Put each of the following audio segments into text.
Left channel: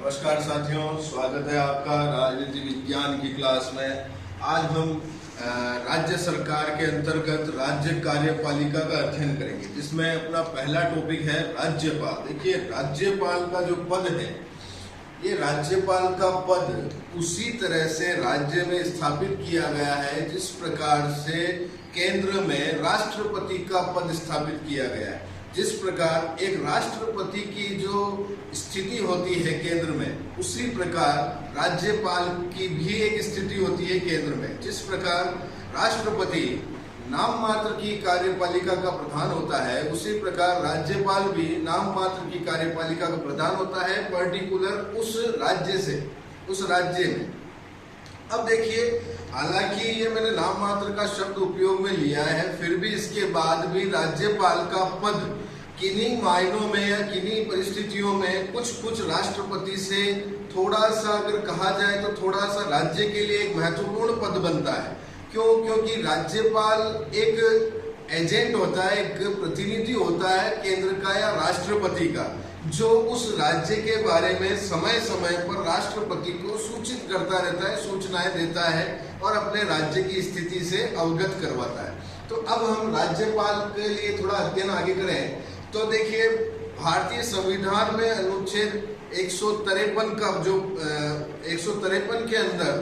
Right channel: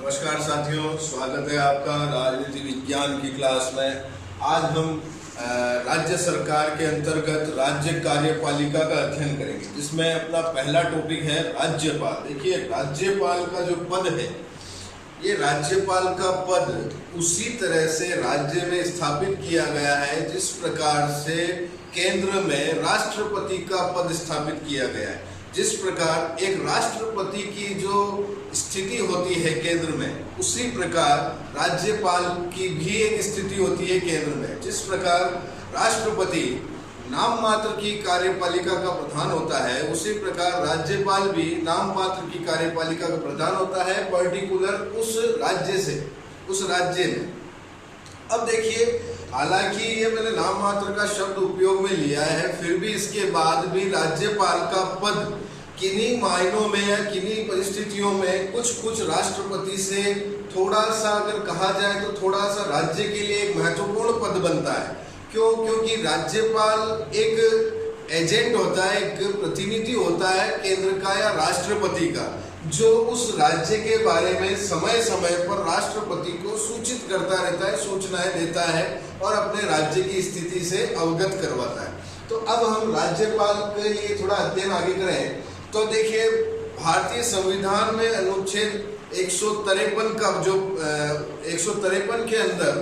नमस्कार साथियों, स्वागत है आपका राजनीति विज्ञान की क्लास में। आज हम राज्य सरकार के अंतर्गत राज्य कार्यपालिका का अध्ययन करेंगे, जिसमें अपना पहला टॉपिक है राज्यपाल। देखिए, राज्यपाल का जो पद है, ये राज्यपाल का पद उसी तरह से राज्य में स्थापित किया गया है जिस प्रकार से केंद्र में राष्ट्रपति का पद स्थापित किया गया है। जिस प्रकार एक राष्ट्रपति की जो स्थिति होती है केंद्र में, उसी प्रकार राज्यपाल की भी एक स्थिति होती है केंद्र में। जिस प्रकार राष्ट्रपति नाम मात्र की कार्यपालिका का प्रधान होता है, उसी प्रकार राज्यपाल भी नाम मात्र की कार्यपालिका का प्रधान होता है, पर्टिकुलर उस राज्य से, उस राज्य में। अब देखिए, हालांकि ये मैंने नाम मात्र का शब्द उपयोग में लिया है, फिर भी इसके बाद भी राज्यपाल का पद किन्हीं मायनों में या किन्हीं परिस्थितियों में कुछ राष्ट्रपति से थोड़ा सा, अगर कहा जाए तो थोड़ा सा राज्य के लिए एक महत्वपूर्ण पद बनता है। क्यों? क्योंकि राज्यपाल एक एजेंट होता है, एक प्रतिनिधि होता है केंद्र का या राष्ट्रपति का, जो उस राज्य के बारे में समय समय पर राष्ट्रपति को सूचित करता रहता है, सूचनाएं देता है और अपने राज्य की स्थिति से अवगत करवाता है। तो अब हम राज्यपाल के लिए थोड़ा अध्ययन आगे करें तो देखिए, भारतीय संविधान में अनुच्छेद 153 का जो 153 के अंदर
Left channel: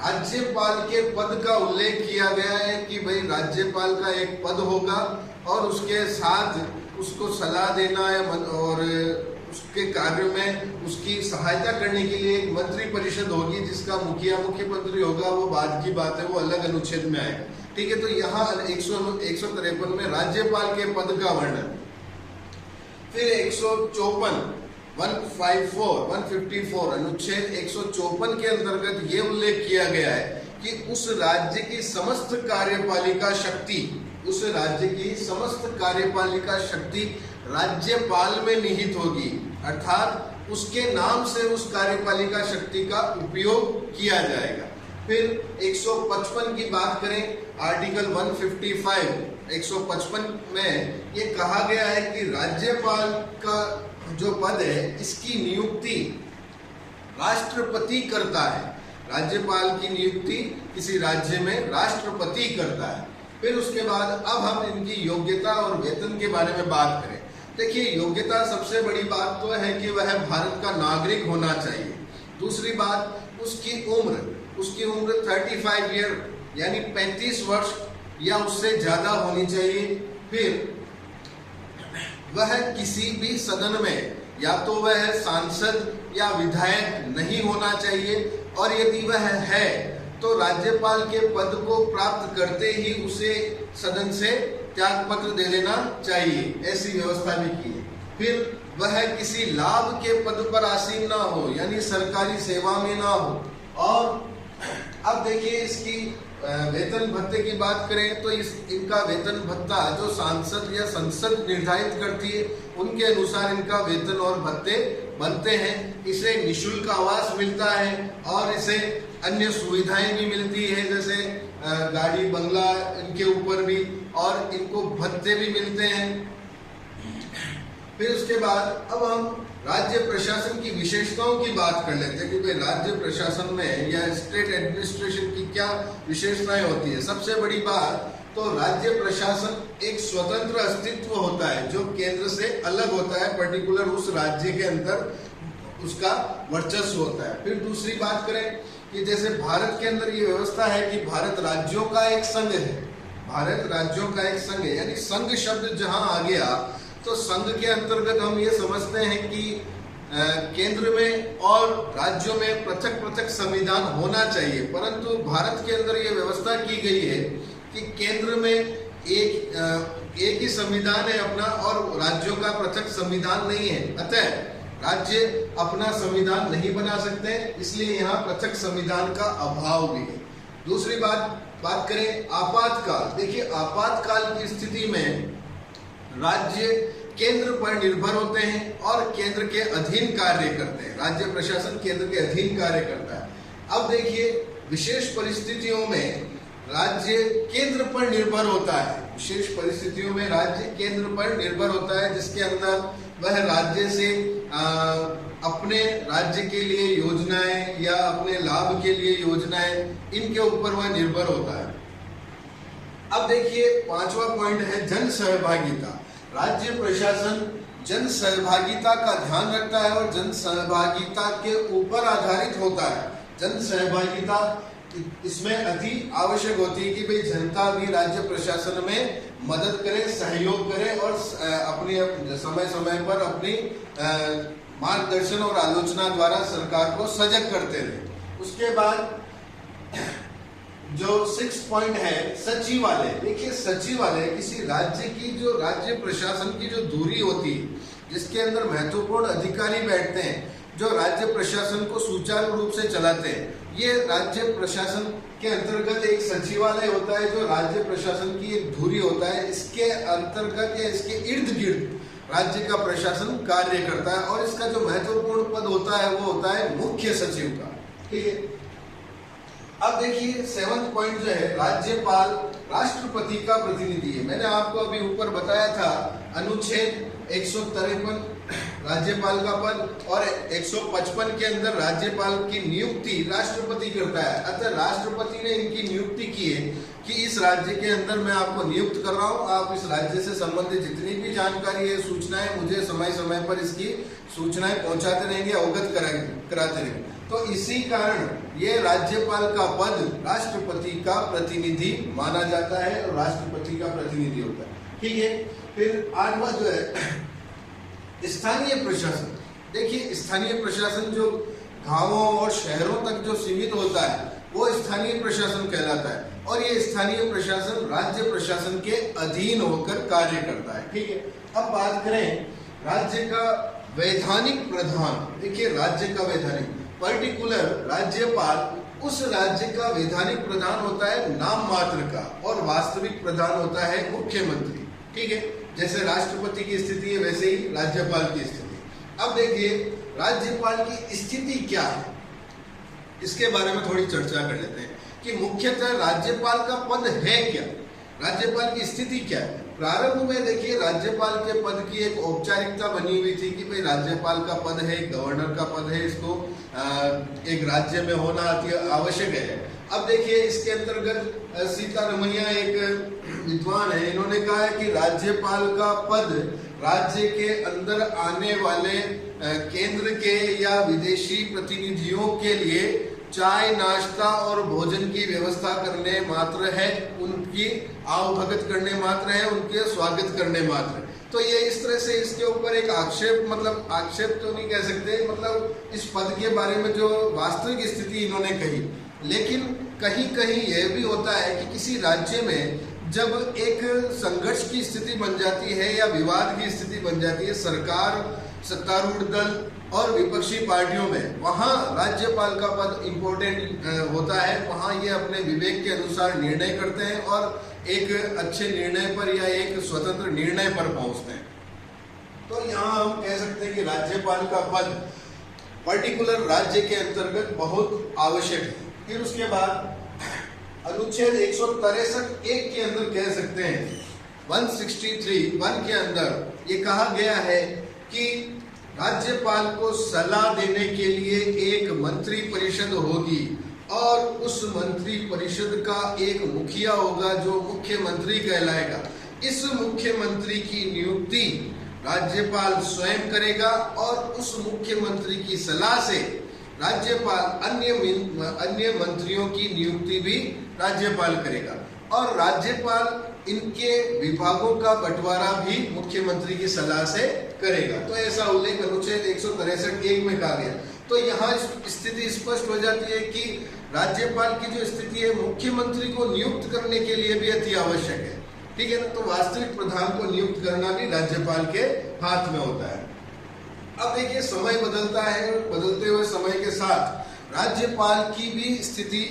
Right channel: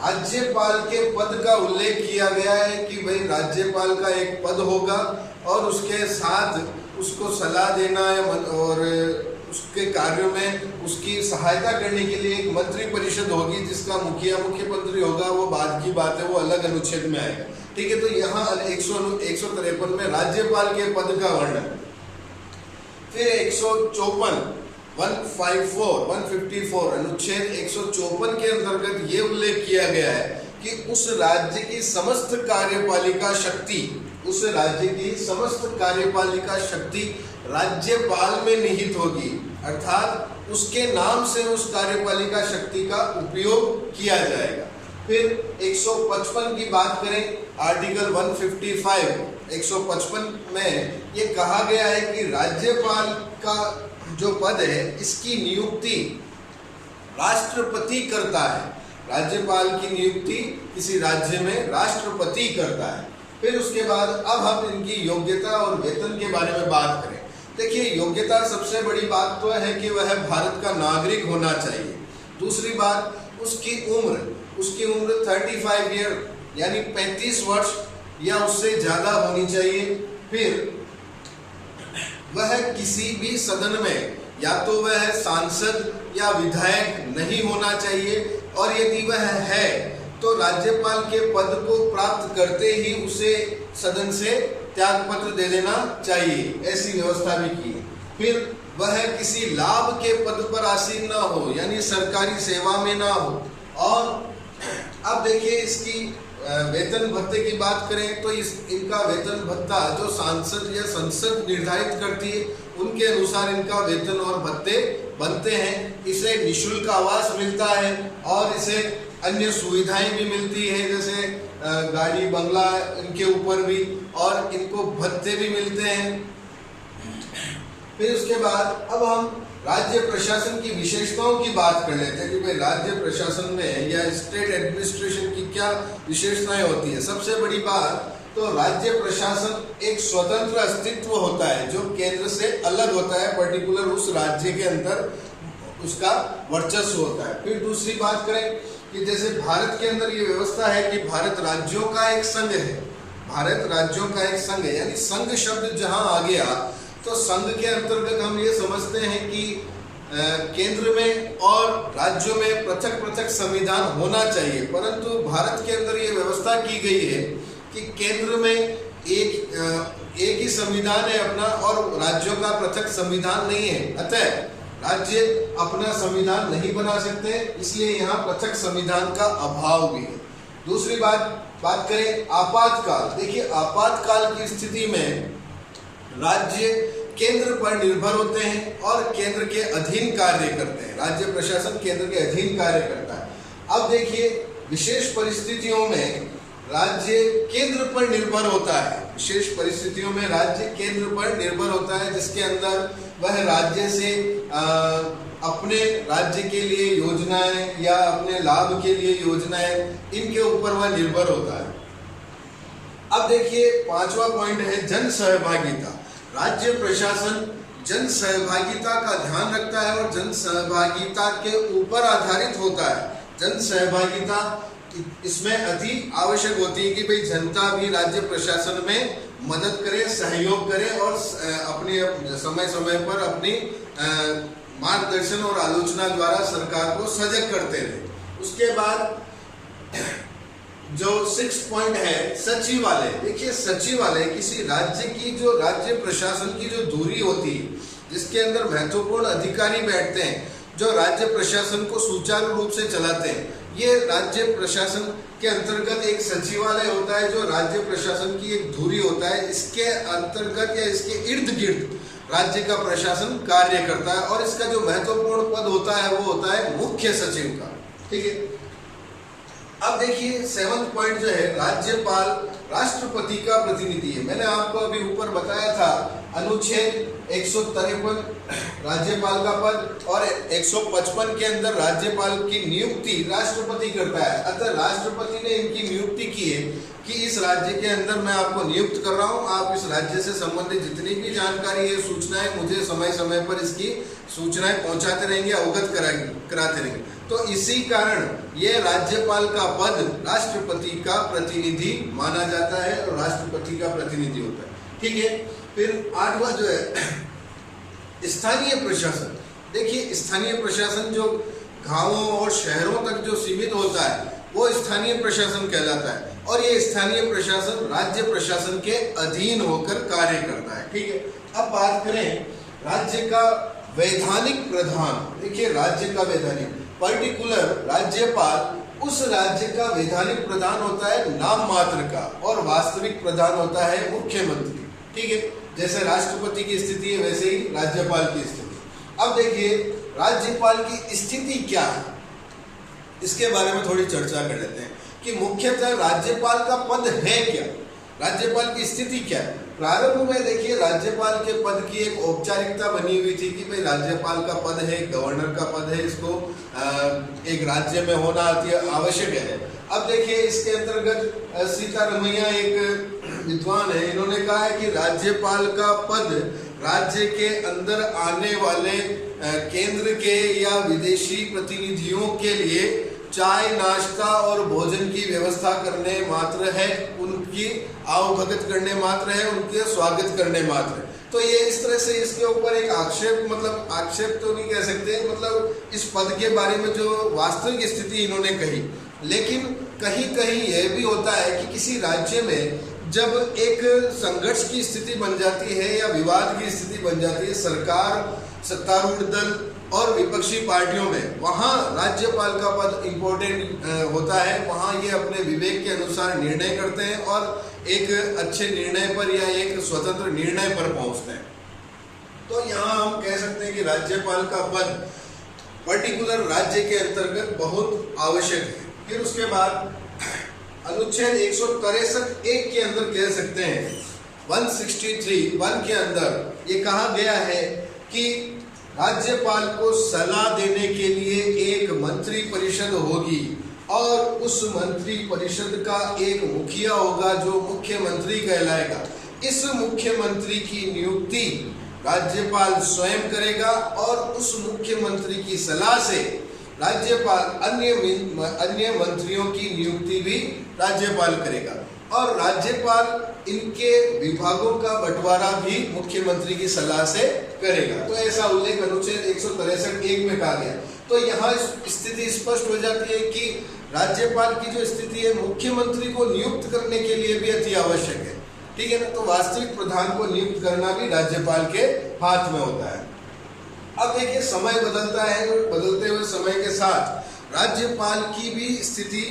राज्यपाल के पद का उल्लेख किया गया है कि भाई राज्यपाल का एक पद होगा और उसके साथ उसको सलाह देना और उसके कार्यों में उसकी सहायता करने के लिए एक मंत्री परिषद होगी, जिसका मुखिया मुख्यमंत्री होगा। वो बाद की बात है, वो अलग अनुच्छेद में आएगा। ठीक है, तो यहाँ 153 में राज्यपाल के पद का वर्णन। फिर 154 अनुच्छेद 154 के अंतर्गत ये उल्लेख किया गया है कि उस राज्य की समस्त कार्यपालिका शक्ति, उस राज्य की समस्त कार्यपालिका शक्ति राज्यपाल में निहित होगी, अर्थात उसके नाम से उस कार्यपालिका शक्ति का उपयोग किया जाएगा। फिर 155 की बात करें, आर्टिकल 155 में ये कहा गया है कि राज्यपाल का जो पद है, इसकी नियुक्ति राष्ट्रपति करता है। राज्यपाल की नियुक्ति किसी राज्य में राष्ट्रपति करता है। फिर उसके बाद अब हम इनकी योग्यता और वेतन के बारे में बात करें। देखिए, योग्यता सबसे बड़ी बात तो है कि वह भारत का नागरिक होना चाहिए। दूसरी बात, उसकी उम्र 35 ईयर यानी 35 वर्ष या उससे ज्यादा होनी चाहिए। फिर वह किसी भी सदन में या तो वह सांसद या विधायक नहीं होना चाहिए, और यदि वह है तो राज्यपाल के पद को प्राप्त करते ही उसे सदन से त्यागपत्र दे देना चाहिए, ऐसी व्यवस्था भी की है। फिर वह किसी लाभ के पद पर आसीन ना हो, यानी सरकारी सेवा में ना हो। और अब देखिए, इसकी वेतन भत्ते की बात करें तो इनका वेतन भत्ता जो सांसद या संसद निर्धारित करती है, उनके अनुसार इनका वेतन और भत्ते बनते हैं। इसे निःशुल्क आवास मिलता है और इसे अन्य सुविधाएं भी मिलती है, जैसे गाड़ी बंगला इनके ऊपर भी, और इनको भत्ते भी मिलते हैं। फिर उसके बाद अब हम राज्य प्रशासन की विशेषताओं की बात कर लेते हैं कि भाई राज्य प्रशासन में या स्टेट एडमिनिस्ट्रेशन की क्या विशेषताएं होती है। सबसे बड़ी बात तो राज्य प्रशासन एक स्वतंत्र अस्तित्व होता है जो केंद्र से अलग होता है, पर्टिकुलर उस राज्य के अंदर उसका वर्चस्व होता है। फिर दूसरी बात करें कि जैसे भारत के अंदर ये व्यवस्था है कि भारत राज्यों का एक संघ है, भारत राज्यों का एक संघ है, यानी संघ शब्द जहां आ गया तो संघ के अंतर्गत हम ये समझते हैं कि केंद्र में और राज्यों में पृथक पृथक संविधान होना चाहिए, परंतु भारत के अंदर ये व्यवस्था की गई है कि केंद्र में एक ही संविधान है अपना, और राज्यों का पृथक संविधान नहीं है। अतः राज्य अपना संविधान नहीं बना सकते, इसलिए यहाँ पृथक संविधान का अभाव भी है। दूसरी बात करें आपातकाल। देखिए, आपातकाल की स्थिति में राज्य केंद्र पर निर्भर होते हैं और केंद्र के अधीन कार्य करते हैं। राज्य प्रशासन केंद्र के अधीन कार्य करता है। अब देखिए, विशेष परिस्थितियों में राज्य केंद्र पर निर्भर होता है। विशेष परिस्थितियों में राज्य केंद्र पर निर्भर होता है, जिसके अंदर वह राज्य से अपने राज्य के लिए योजनाएं या अपने लाभ के लिए योजनाएं, इनके ऊपर वह निर्भर होता है। अब देखिए 5वां पॉइंट है जन सहभागिता। राज्य प्रशासन जन सहभागिता का ध्यान रखता है और जन सहभागिता के ऊपर आधारित होता है। जन सहभागिता इसमें अति आवश्यक होती है कि भाई जनता भी राज्य प्रशासन में मदद करे, सहयोग करे और अपने समय समय पर अपनी मार्गदर्शन और आलोचना द्वारा सरकार को सजग करते रहे। उसके बाद जो 6 पॉइंट है सचिवालय। देखिए सचिवालय किसी राज्य की, जो राज्य प्रशासन की जो धुरी होती है, जिसके अंदर महत्वपूर्ण अधिकारी बैठते हैं, जो राज्य प्रशासन को सुचारू रूप से चलाते हैं, ये राज्य प्रशासन के अंतर्गत एक सचिवालय होता है, जो राज्य प्रशासन की एक धुरी होता है। इसके अंतर्गत या इसके इर्द गिर्द राज्य का प्रशासन कार्य करता है और इसका जो महत्वपूर्ण पद होता है वो होता है मुख्य सचिव का। ठीक है। अब देखिए 7वां पॉइंट जो है राज्यपाल राष्ट्रपति का प्रतिनिधि है। मैंने आपको अभी ऊपर बताया था अनुच्छेद 153 राज्यपाल का पद और 155 के अंदर राज्यपाल की नियुक्ति राष्ट्रपति करता है। अतः राष्ट्रपति ने इनकी नियुक्ति की है कि इस राज्य के अंदर मैं आपको नियुक्त कर रहा हूं, आप इस राज्य से संबंधित जितनी भी जानकारी है, सूचनाएं, मुझे समय समय पर इसकी सूचनाएं पहुंचाते रहेंगे, अवगत कराते रहेंगे। तो इसी कारण ये राज्यपाल का पद राष्ट्रपति का प्रतिनिधि माना जाता है और राष्ट्रपति का प्रतिनिधि होता है। ठीक है। फिर 8वां जो है स्थानीय प्रशासन। देखिए स्थानीय प्रशासन जो गांवों और शहरों तक जो सीमित होता है वो स्थानीय प्रशासन कहलाता है और ये स्थानीय प्रशासन राज्य प्रशासन के अधीन होकर कार्य करता है। ठीक है। अब बात करें राज्य का वैधानिक प्रधान। देखिए राज्य का वैधानिक पर्टिकुलर राज्यपाल उस राज्य का वैधानिक प्रधान होता है नाम मात्र का और वास्तविक प्रधान होता है मुख्यमंत्री। ठीक है। जैसे राष्ट्रपति की स्थिति है वैसे ही राज्यपाल की स्थिति। अब देखिए राज्यपाल की स्थिति क्या है, इसके बारे में थोड़ी चर्चा कर लेते हैं कि मुख्यतः राज्यपाल का पद है क्या, राज्यपाल की स्थिति क्या है। प्रारंभ में देखिए राज्यपाल के पद की एक औपचारिकता बनी हुई थी कि भाई राज्यपाल का पद है, गवर्नर का पद है, इसको एक राज्य में होना आवश्यक है। अब देखिए इसके अंतर्गत सीतारमैया एक विद्वान है, इन्होंने कहा है कि राज्यपाल का पद राज्य के अंदर आने वाले केंद्र के या विदेशी प्रतिनिधियों के लिए चाय, नाश्ता और भोजन की व्यवस्था करने मात्र है, उनकी आवभगत करने मात्र है, उनके स्वागत करने मात्र है। तो ये इस तरह से इसके ऊपर एक आक्षेप, मतलब आक्षेप तो नहीं कह सकते, मतलब इस पद के बारे में जो वास्तविक स्थिति इन्होंने कही। लेकिन कहीं कहीं यह भी होता है कि किसी राज्य में जब एक संघर्ष की स्थिति बन जाती है या विवाद की स्थिति बन जाती है सरकार, सत्तारूढ़ दल और विपक्षी पार्टियों में, वहाँ राज्यपाल का पद इम्पोर्टेंट होता है। वहाँ ये अपने विवेक के अनुसार निर्णय करते हैं और एक अच्छे निर्णय पर या एक स्वतंत्र निर्णय पर पहुँचते हैं। तो यहाँ हम कह सकते हैं कि राज्यपाल का पद पर्टिकुलर राज्य के अंतर्गत बहुत आवश्यक है। फिर उसके बाद अनुच्छेद 163(1) के अंदर कह सकते हैं 163(1) के अंदर ये कहा गया है कि राज्यपाल को सलाह देने के लिए एक मंत्री परिषद होगी और उस मंत्री परिषद का एक मुखिया होगा जो मुख्यमंत्री कहलाएगा। इस मुख्यमंत्री की नियुक्ति राज्यपाल स्वयं करेगा और उस मुख्यमंत्री की सलाह से राज्यपाल अन्य मंत्रियों की नियुक्ति भी राज्यपाल करेगा और राज्यपाल इनके विभागों का बंटवारा भी मुख्यमंत्री की सलाह से करेगा। तो ऐसा उल्लेख अनुच्छेद 163(1) में कहा गया। तो यहाँ स्थिति स्पष्ट हो जाती है कि राज्यपाल की जो स्थिति है मुख्यमंत्री को नियुक्त करने के लिए भी अति आवश्यक है। ठीक है ना। तो वास्तविक प्रधान को नियुक्त करना भी राज्यपाल के हाथ में होता है। अब देखिए समय बदलता है और बदलते हुए समय के साथ राज्यपाल की भी स्थिति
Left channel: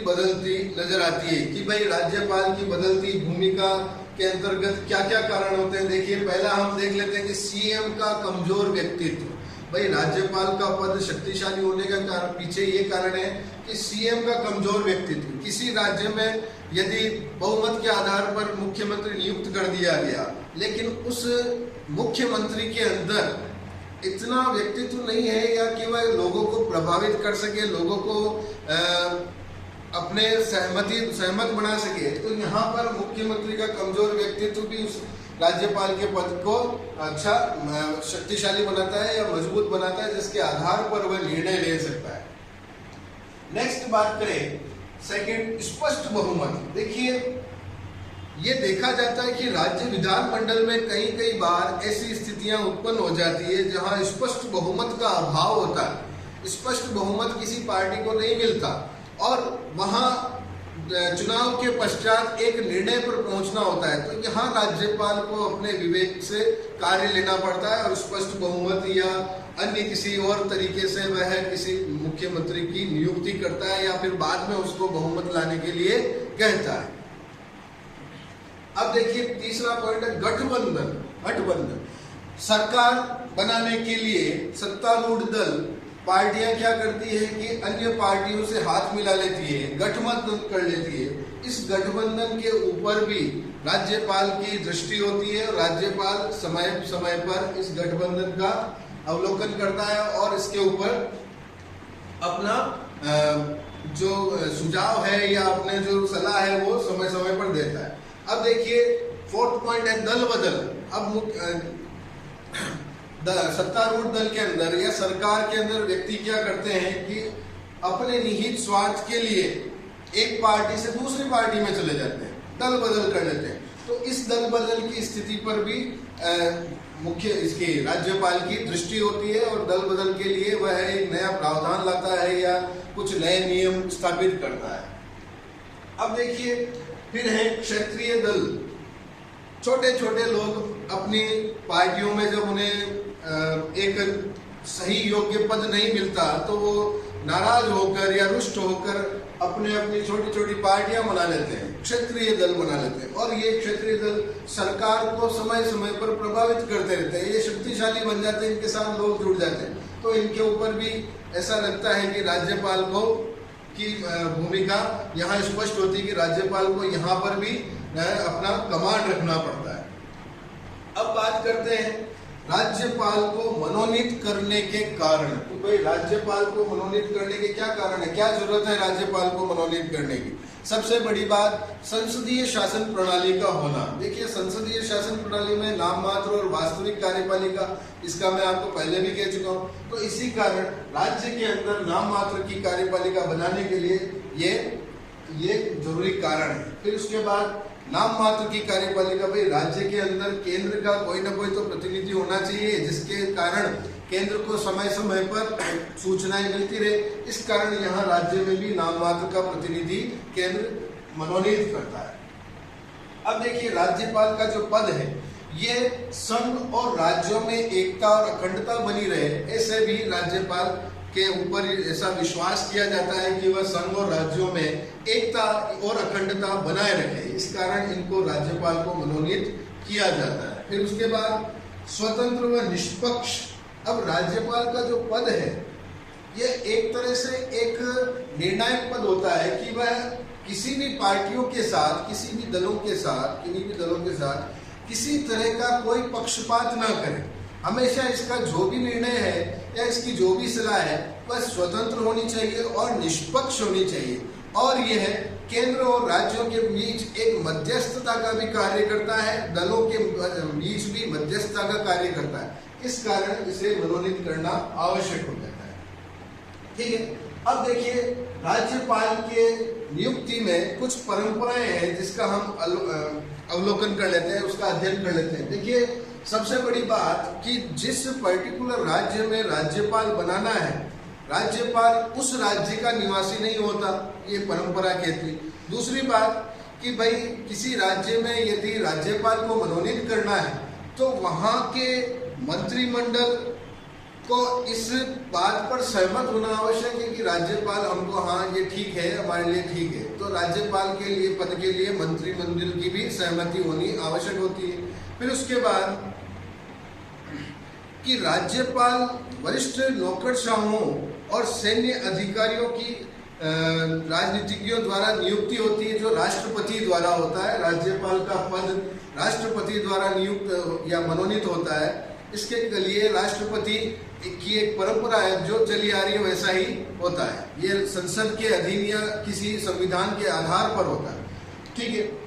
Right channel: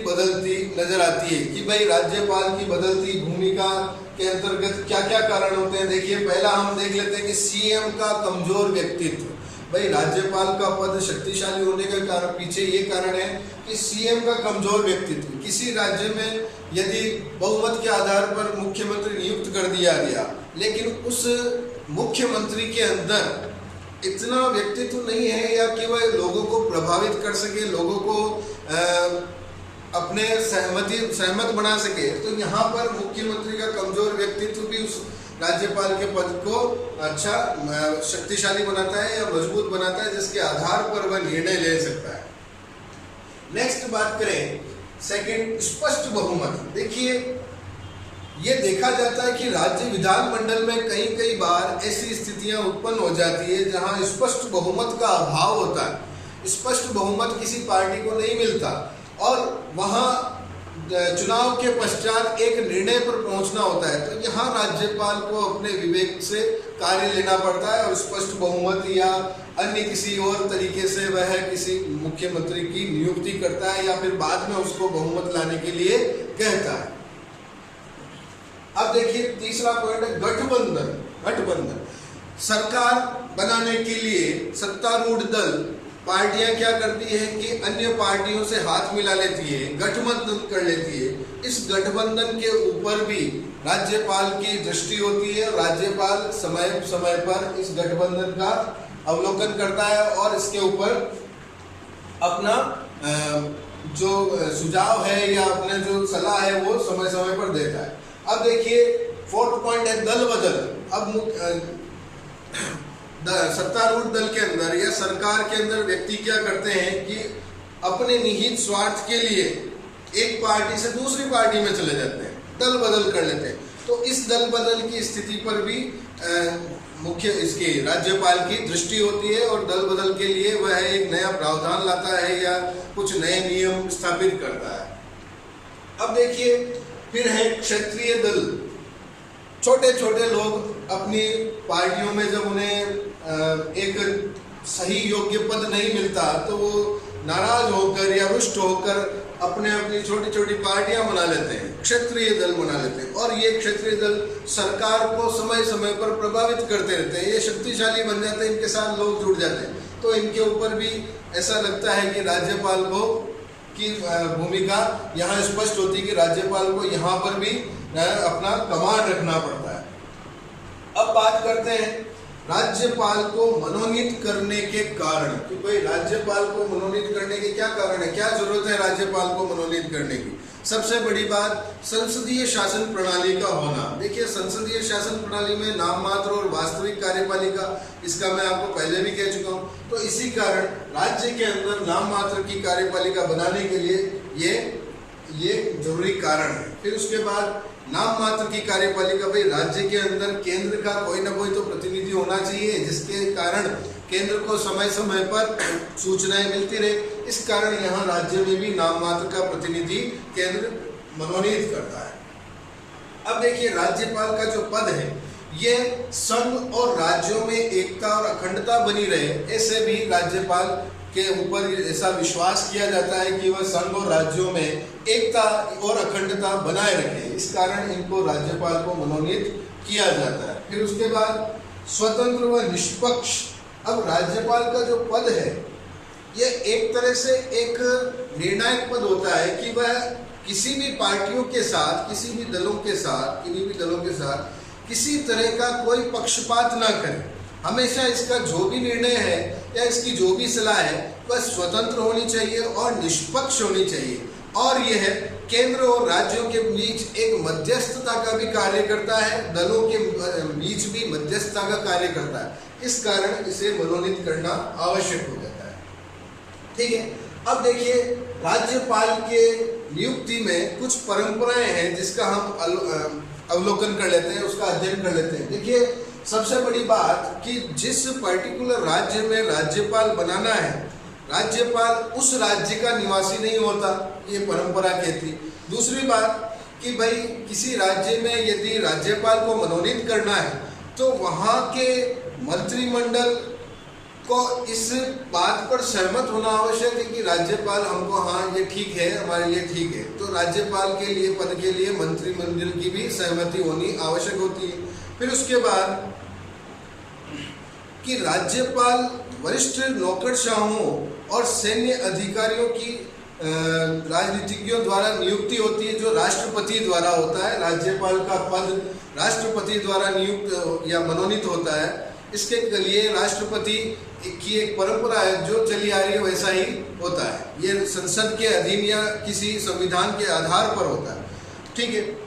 बदलती नजर आती है कि भाई राज्यपाल की बदलती भूमिका के अंतर्गत क्या क्या कारण होते हैं। देखिए पहला हम देख लेते हैं कि सीएम का कमजोर व्यक्तित्व। भाई राज्यपाल का पद शक्तिशाली होने का कारण पीछे ये कारण है कि सीएम का कमजोर व्यक्तित्व। किसी राज्य में यदि बहुमत के आधार पर मुख्यमंत्री नियुक्त कर दिया गया लेकिन उस मुख्यमंत्री के अंदर इतना व्यक्तित्व नहीं है या कि वह लोगों को प्रभावित कर सके, लोगों को अपने सहमत बना सके, तो यहाँ पर मुख्यमंत्री का कमजोर व्यक्तित्व भी उस राज्यपाल के पद को अच्छा शक्तिशाली बनाता है या मजबूत बनाता है, जिसके आधार पर वह निर्णय ले सकता है। नेक्स्ट बात करें सेकंड, स्पष्ट बहुमत। देखिए, ये देखा जाता है कि राज्य विधानमंडल में कई बार ऐसी स्थितियां उत्पन्न हो जाती है जहां स्पष्ट बहुमत का अभाव होता है, स्पष्ट बहुमत किसी पार्टी को नहीं मिलता और वहां चुनाव के पश्चात एक निर्णय पर पहुंचना होता है। तो यहाँ राज्यपाल को अपने विवेक से कार्य लेना पड़ता है और स्पष्ट बहुमत या अन्य किसी और तरीके से वह किसी मुख्यमंत्री की नियुक्ति करता है या फिर बाद में उसको बहुमत लाने के लिए कहता है। अब देखिए तीसरा पॉइंट है गठबंधन। सरकार बनाने के लिए सत्तारूढ़ दल पार्टियां क्या करती है कि अन्य पार्टियों से हाथ मिला लेती है, गठबंधन कर लेती है। इस गठबंधन के ऊपर भी राज्यपाल की दृष्टि होती है और राज्यपाल समय समय पर इस गठबंधन का अवलोकन करता है और इसके ऊपर अपना जो सुझाव है या अपने जो सलाह है वो समय समय पर देता है। अब देखिए फोर्थ पॉइंट है दल बदल। अब सत्तारूढ़ दल के अंदर या सरकार के अंदर व्यक्ति क्या करते हैं कि अपने निहित स्वार्थ के लिए एक पार्टी से दूसरी पार्टी में चले जाते हैं, दल बदल कर लेते हैं। तो इस दल बदल की स्थिति पर भी मुख्य इसके राज्यपाल की दृष्टि होती है और दल बदल के लिए वह एक नया प्रावधान लाता है या कुछ नए नियम स्थापित करता है। अब देखिए फिर है क्षेत्रीय दल। छोटे छोटे लोग अपनी पार्टियों में जब उन्हें एक सही योग्य पद नहीं मिलता तो वो नाराज होकर या रुष्ट होकर अपनी छोटी छोटी पार्टियां बना लेते हैं, क्षेत्रीय दल बना लेते हैं और ये क्षेत्रीय दल सरकार को समय समय पर प्रभावित करते रहते हैं। ये शक्तिशाली बन जाते हैं, इनके साथ लोग जुड़ जाते हैं। तो इनके ऊपर भी ऐसा लगता है कि राज्यपाल को की भूमिका यहाँ स्पष्ट होती है कि राज्यपाल को यहाँ पर भी अपना कमांड रखना पड़ता है। अब बात करते हैं राज्यपाल को मनोनीत करने के कारण कि भाई राज्यपाल को मनोनीत करने के क्या कारण है, क्या जरूरत है राज्यपाल को मनोनीत करने की। सबसे बड़ी बात संसदीय शासन प्रणाली का होना। देखिए संसदीय शासन प्रणाली में नाम मात्र और वास्तविक कार्यपालिका, इसका मैं आपको पहले भी कह चुका हूँ। तो इसी कारण राज्य के अंदर नाम मात्र की कार्यपालिका बनाने के लिए ये जरूरी कारण है। फिर उसके बाद नाम मात्र की कार्यपालिका, भाई राज्य के अंदर केंद्र का कोई ना कोई तो प्रतिनिधि होना चाहिए जिसके कारण केंद्र को समय समय पर सूचनाएं मिलती रहे। इस कारण यहाँ राज्य में भी नाम मात्र का प्रतिनिधि केंद्र मनोनीत करता है। अब देखिए राज्यपाल का जो पद है ये संघ और राज्यों में एकता और अखंडता बनी रहे, ऐसे भी राज्यपाल के ऊपर ऐसा विश्वास किया जाता है कि वह संघ और राज्यों में एकता और अखंडता बनाए रखे। इस कारण इनको राज्यपाल को मनोनीत किया जाता है। फिर उसके बाद स्वतंत्र व निष्पक्ष। अब राज्यपाल का जो पद है ये एक तरह से एक निर्णायक पद होता है कि वह किसी भी पार्टियों के साथ, किसी भी दलों के साथ, किन्हीं भी दलों के साथ किसी तरह का कोई पक्षपात ना करे। हमेशा इसका जो भी निर्णय है या इसकी जो भी सलाह है वह स्वतंत्र होनी चाहिए और निष्पक्ष होनी चाहिए और यह केंद्र और राज्यों के बीच एक मध्यस्थता का भी कार्य करता है, दलों के बीच भी मध्यस्थता का कार्य करता है। इस कारण इसे मनोनीत करना आवश्यक हो जाता है। ठीक है, अब देखिए राज्यपाल के नियुक्ति में कुछ परंपराएं हैं जिसका हम अवलोकन कर लेते हैं, उसका अध्ययन कर लेते हैं। देखिए सबसे बड़ी बात कि जिस पर्टिकुलर राज्य में राज्यपाल बनाना है, राज्यपाल उस राज्य का निवासी नहीं होता, ये परंपरा कहती। दूसरी बात कि भाई किसी राज्य में यदि राज्यपाल को मनोनीत करना है तो वहाँ के मंत्रिमंडल को इस बात पर सहमत होना आवश्यक है कि राज्यपाल हमको, हाँ ये ठीक है, हमारे लिए ठीक है। तो राज्यपाल के लिए पद के लिए मंत्रिमंडल की भी सहमति होनी आवश्यक होती है। फिर उसके बाद कि राज्यपाल वरिष्ठ नौकरशाहों और सैन्य अधिकारियों की राजनीतिज्ञों द्वारा नियुक्ति होती है, जो राष्ट्रपति द्वारा होता है। राज्यपाल का पद राष्ट्रपति द्वारा नियुक्त या मनोनीत होता है इसके लिए राष्ट्रपति की एक परंपरा है जो चली आ रही है, वैसा ही होता है। ये संसद के अधीन या किसी संविधान के आधार पर होता है, ठीक है।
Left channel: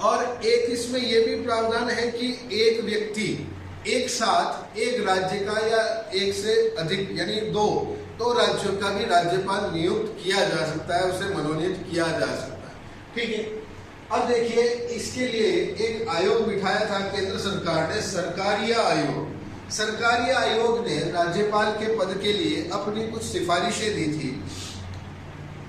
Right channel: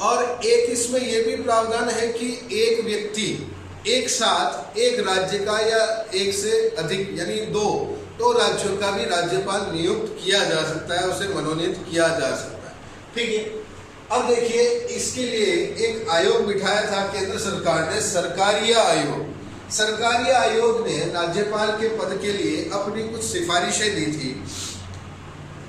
और एक इसमें यह भी प्रावधान है कि एक व्यक्ति एक साथ एक राज्य का या एक से अधिक यानी दो राज्यों का भी राज्यपाल नियुक्त किया जा सकता है, उसे मनोनीत किया जा सकता है, ठीक है। अब देखिए, इसके लिए एक आयोग बिठाया था केंद्र सरकार ने, सरकारिया आयोग। सरकारिया आयोग ने राज्यपाल के पद के लिए अपनी कुछ सिफारिशें दी थी,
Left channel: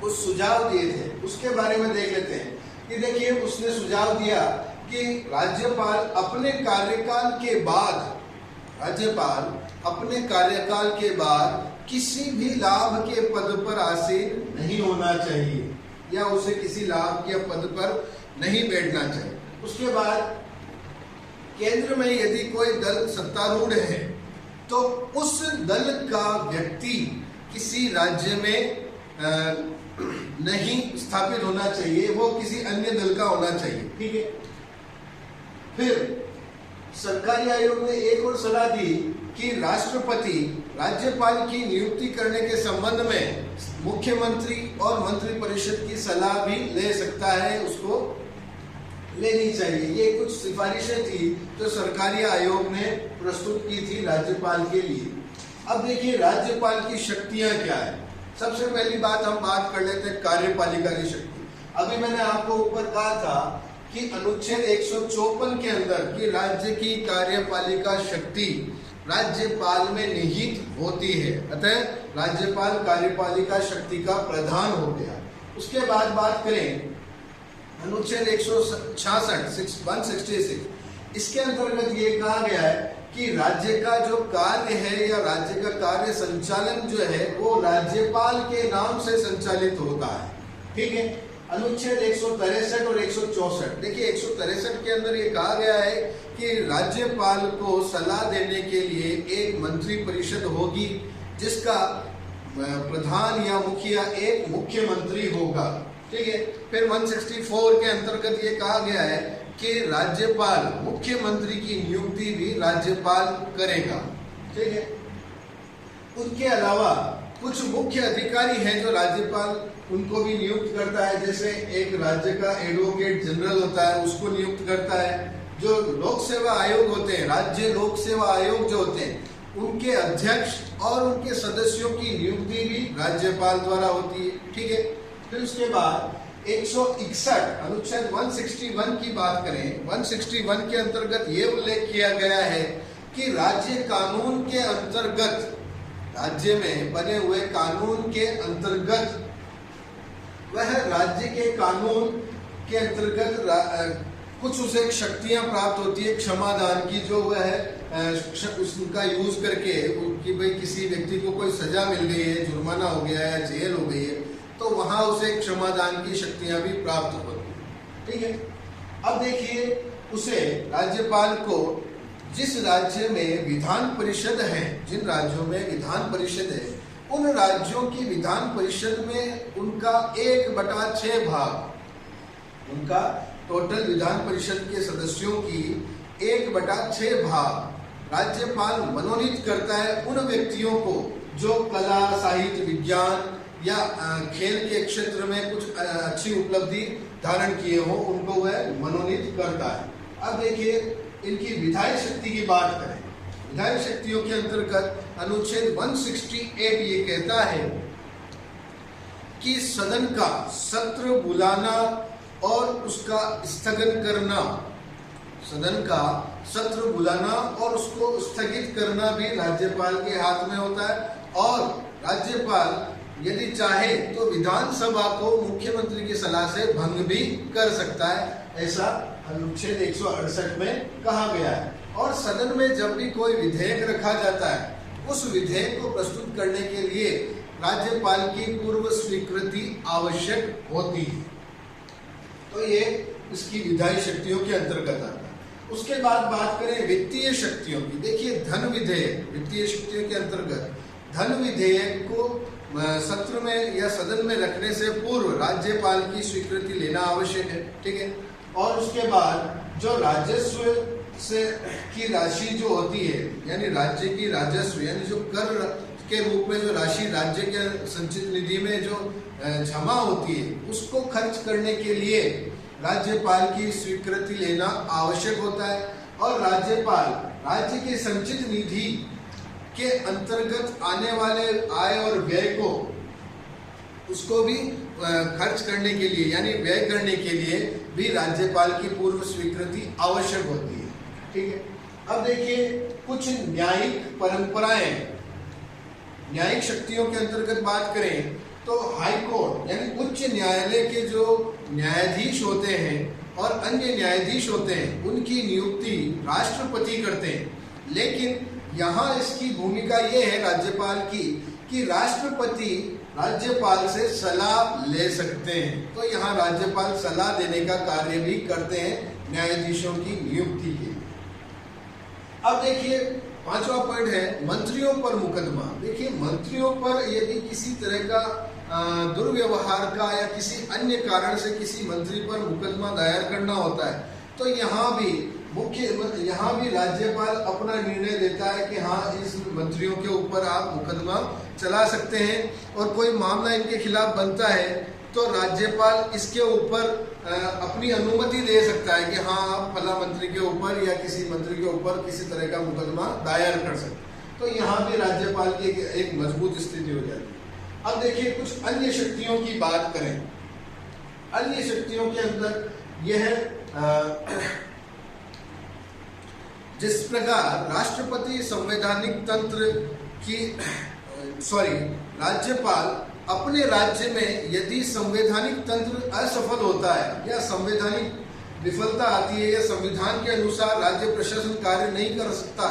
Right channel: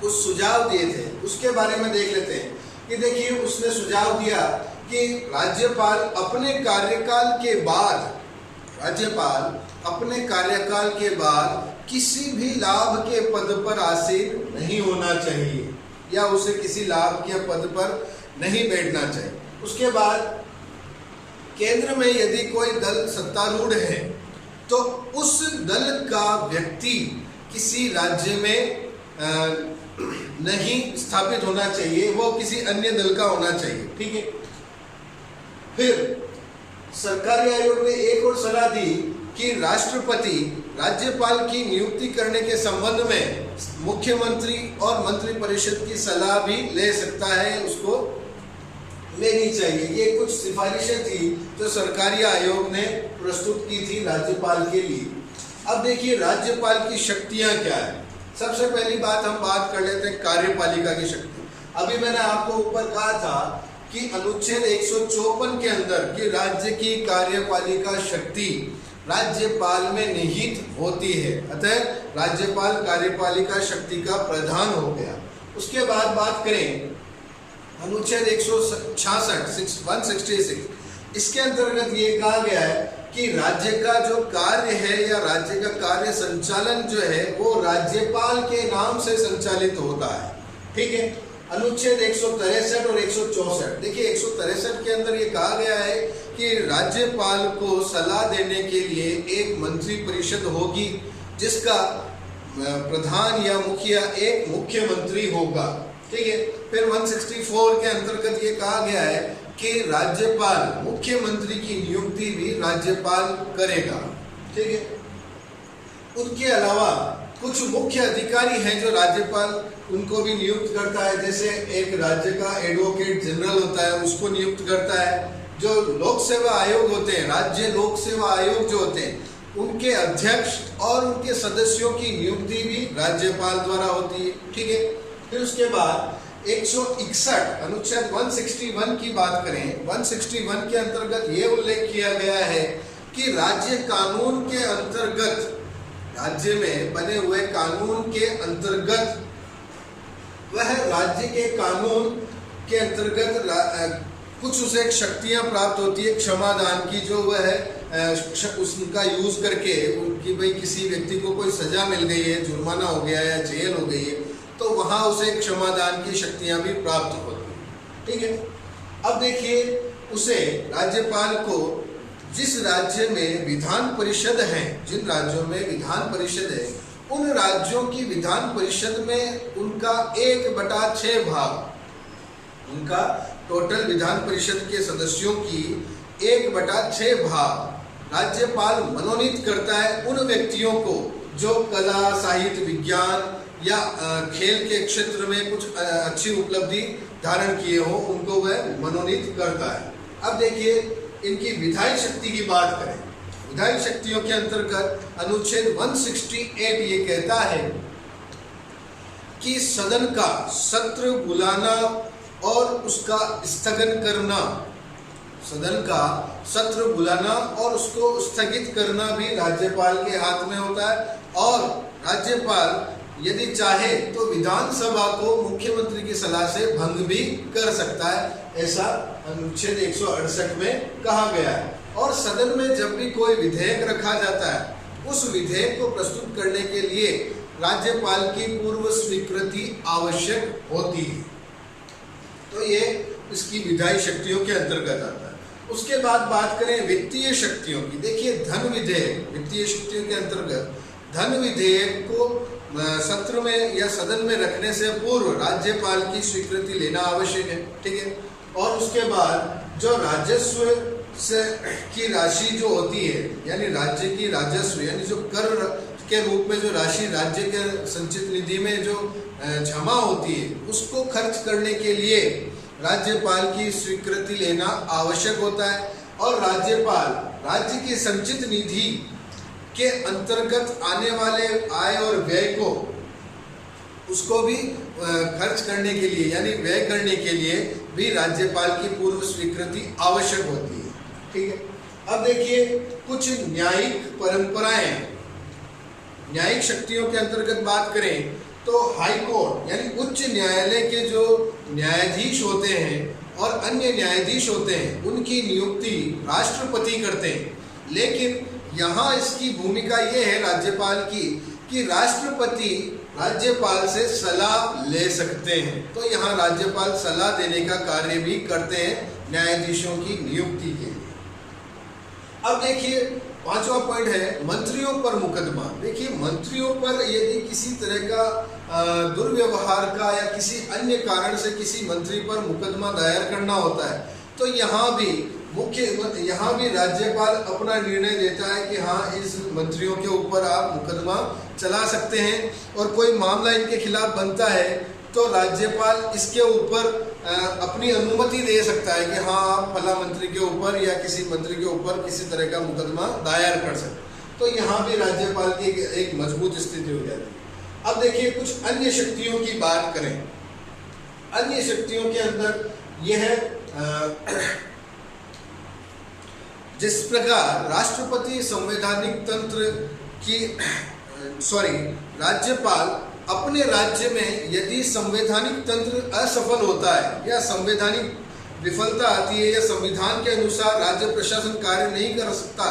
कुछ सुझाव दिए थे। उसके बारे में देख लेते हैं कि देखिए, उसने सुझाव दिया कि राज्यपाल अपने कार्यकाल के बाद किसी भी लाभ के पद पर आसीन नहीं होना चाहिए या उसे किसी लाभ के पद पर नहीं बैठना चाहिए। उसके बाद केंद्र में यदि कोई दल सत्तारूढ़ है तो उस दल का व्यक्ति किसी राज्य में नहीं स्थापित होना चाहिए, वो किसी अन्य दल का होना चाहिए, ठीक है। फिर सरकारी आयोग ने एक और सलाह दी कि राष्ट्रपति राज्यपाल की नियुक्ति करने के संबंध में मुख्यमंत्री और मंत्रिपरिषद की सलाह भी ले सकता है, उसको लेनी चाहिए। ये कुछ सिफारिशें थी जो सरकारी आयोग ने प्रस्तुत की थी राज्यपाल के लिए। अब देखिए, राज्यपाल की शक्तियां क्या है। सबसे पहली बात हम बात कर लेते हैं कार्यपालिका की शक्ति। अभी मैंने आपको ऊपर कहा था कि अनुच्छेद 154 के अंदर कि राज्य की कार्यपालिका शक्ति राज्यपाल में निहित होती है, अतः राज्यपाल कार्यपालिका शक्ति का प्रधान हो गया। उसके बाद बात करें अनुच्छेद 166 इसके अंतर्गत ये कहा गया है कि राज्य का जो कार्य है या राज्य का कार्य संचालन जो है वो राज्यपाल के नाम से संचालित होता है, ठीक है। अनुच्छेद 163 और 164, देखिए 163 के अंदर ये कहा गया है कि राज्यपाल को सलाह देने के लिए एक मंत्री परिषद होगी जिसका प्रधान या मुखिया एक मुख्यमंत्री होगा, ठीक है। फिर 164 के अंतर्गत ये कहा गया है कि राज्यपाल मुख्यमंत्री की नियुक्ति भी राज्यपाल करेगा, ठीक है। उनके अलावा कुछ मुख्य अधिकारी हैं जो राज्यपाल उनको भी नियुक्त करता है, जैसे एक राज्य का एडवोकेट जनरल होता है, उसको नियुक्त करता है। जो लोक सेवा आयोग होते हैं, राज्य लोक सेवा आयोग जो होते हैं, उनके अध्यक्ष और उनके सदस्यों की नियुक्ति भी राज्यपाल द्वारा होती है, ठीक है। फिर उसके बाद 161 अनुच्छेद 161 की बात करें, 161 के अंतर्गत ये उल्लेख किया गया है कि राज्य कानून के अंतर्गत, राज्य में बने हुए कानून के अंतर्गत, वह राज्य के कानून के अंतर्गत कुछ उसे शक्तियां प्राप्त होती है क्षमादान की, जो वह है उसका यूज करके कि भाई किसी व्यक्ति को कोई सजा मिल गई है, जुर्माना हो गया है या जेल हो गई है, तो वहां उसे क्षमादान की शक्तियां भी प्राप्त होती हैं, ठीक है। अब देखिए, उसे राज्यपाल को जिस राज्य में विधान परिषद है, जिन राज्यों में विधान परिषद है, उन राज्यों की विधान परिषद में उनका 1/6 भाग, उनका टोटल विधान परिषद के सदस्यों की 1/6 भाग राज्यपाल मनोनीत करता है उन व्यक्तियों को जो कला, साहित्य, विज्ञान या खेल के क्षेत्र में कुछ अच्छी उपलब्धि धारण किए हो, उनको वह मनोनीत करता है। अब देखिए, इनकी विधायी शक्ति की बात करें। विधायी शक्तियों के अंतर्गत अनुच्छेद 168 ये कहता है कि सदन का सत्र बुलाना और उसका स्थगन करना, सदन का सत्र बुलाना और उसको स्थगित करना भी राज्यपाल के हाथ में होता है, और राज्यपाल यदि चाहे तो विधानसभा को मुख्यमंत्री की सलाह से भंग भी कर सकता है, ऐसा अनुच्छेद 168 में कहा गया है। और सदन में जब भी कोई विधेयक रखा जाता है, उस विधेयक को प्रस्तुत करने के लिए राज्यपाल की पूर्व स्वीकृति आवश्यक होती है। तो ये इसकी विधायी शक्तियों के अंतर्गत आता है। उसके बाद बात करें वित्तीय शक्तियों की। देखिए, धन विधेयक वित्तीय शक्तियों के अंतर्गत धन विधेयक को सत्र में या सदन में रखने से पूर्व राज्यपाल की स्वीकृति लेना आवश्यक है, ठीक है। और उसके बाद जो राजस्व से की राशि जो होती है, यानी राज्य की राजस्व, यानी जो कर के रूप में जो राशि राज्य के संचित निधि में जो जमा होती है, उसको खर्च करने के लिए राज्यपाल की स्वीकृति लेना आवश्यक होता है। और राज्यपाल राज्य की संचित निधि के अंतर्गत आने वाले आय और व्यय को उसको भी खर्च करने के लिए, यानी व्यय करने के लिए भी राज्यपाल की पूर्व स्वीकृति आवश्यक होती है। ठीक है, अब देखिए कुछ न्यायिक परंपराएं, न्यायिक शक्तियों के अंतर्गत बात करें तो हाई कोर्ट यानी उच्च न्यायालय के जो न्यायाधीश होते हैं और अन्य न्यायाधीश होते हैं, उनकी नियुक्ति राष्ट्रपति करते हैं। लेकिन यहाँ इसकी भूमिका ये है राज्यपाल की कि राष्ट्रपति राज्यपाल से सलाह ले सकते हैं। तो यहाँ राज्यपाल सलाह देने का कार्य भी करते हैं न्यायाधीशों की नियुक्ति के लिए। अब देखिए 5वां पॉइंट है मंत्रियों पर मुकदमा। देखिए मंत्रियों पर यदि किसी तरह का दुर्व्यवहार का या किसी अन्य कारण से किसी मंत्री पर मुकदमा दायर करना होता है, तो यहाँ भी राज्यपाल अपना निर्णय लेता है कि हाँ, इस मंत्रियों के ऊपर आप मुकदमा चला सकते हैं। और कोई मामला इनके खिलाफ बनता है तो राज्यपाल इसके ऊपर अपनी अनुमति दे सकता है कि हाँ, आप फला मंत्री के ऊपर या किसी मंत्री के ऊपर किसी तरह का मुकदमा दायर कर सकते। तो यहाँ भी राज्यपाल की एक मजबूत स्थिति हो जाती है। अब देखिए कुछ अन्य शक्तियों की बात करें। अन्य शक्तियों के अंदर यह जिस प्रकार राष्ट्रपति संवैधानिक तंत्र की राज्यपाल अपने राज्य में यदि संवैधानिक तंत्र असफल होता है या संवैधानिक विफलता आती है या संविधान के अनुसार राज्य प्रशासन कार्य नहीं कर सकता,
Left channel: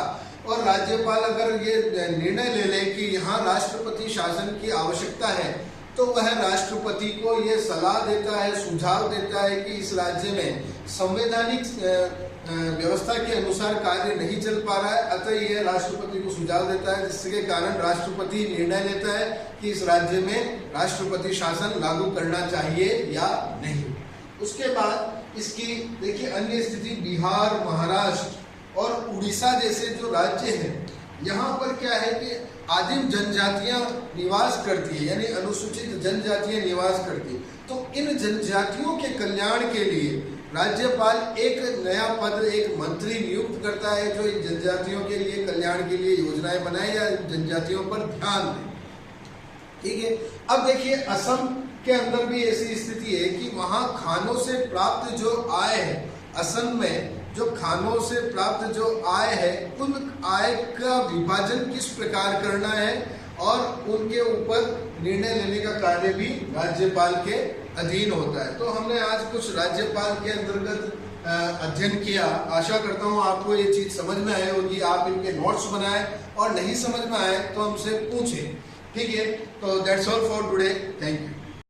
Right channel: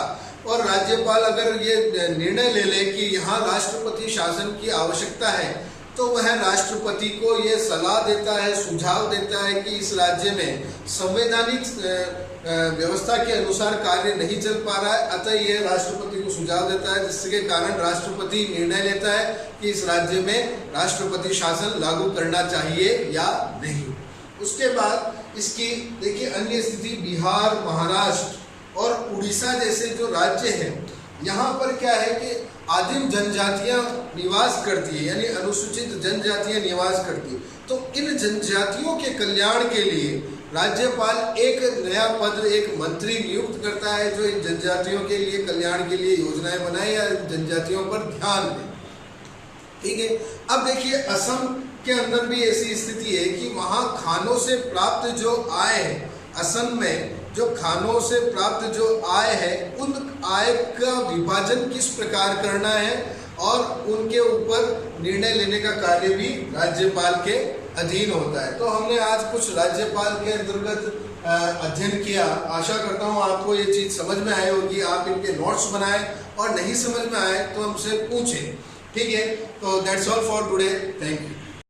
और राज्यपाल अगर ये निर्णय ले ले कि यहाँ राष्ट्रपति शासन की आवश्यकता है, तो वह राष्ट्रपति को ये सलाह देता है, सुझाव देता है कि इस राज्य में संवैधानिक व्यवस्था के अनुसार कार्य नहीं चल पा रहा है। अतः यह राष्ट्रपति को सुझाव देता है, जिसके कारण राष्ट्रपति निर्णय लेता है कि इस राज्य में राष्ट्रपति शासन लागू करना चाहिए या नहीं। उसके बाद इसकी देखिए अन्य स्थिति बिहार, महाराष्ट्र और उड़ीसा जैसे जो राज्य हैं, यहाँ पर क्या है कि आदिम जनजातियाँ निवास करती है, यानी अनुसूचित जनजातियाँ निवास करती है। तो इन जनजातियों के कल्याण के लिए राज्यपाल एक नया पद, एक मंत्री नियुक्त करता है जो इन जनजातियों के लिए कल्याण के लिए योजनाएं बनाए या जनजातियों पर ध्यान दे। ठीक है, अब देखिए असम के अंदर भी ऐसी स्थिति है कि वहाँ खानों से प्राप्त जो आय है, असम में जो खानों से प्राप्त जो आय है, उन आय का विभाजन किस प्रकार करना है और उनके ऊपर निर्णय लेने का कार्य भी राज्यपाल के अधीन होता है। तो हमने आज कुछ राज्यपाल के अंतर्गत अध्ययन किया। आशा करता हूँ आपको ये चीज़ समझ में आए और कि आप इनके नोट्स बनाएं, और नहीं समझ में आए तो हमसे पूछें। ठीक है, तो that's all for today. Thank you.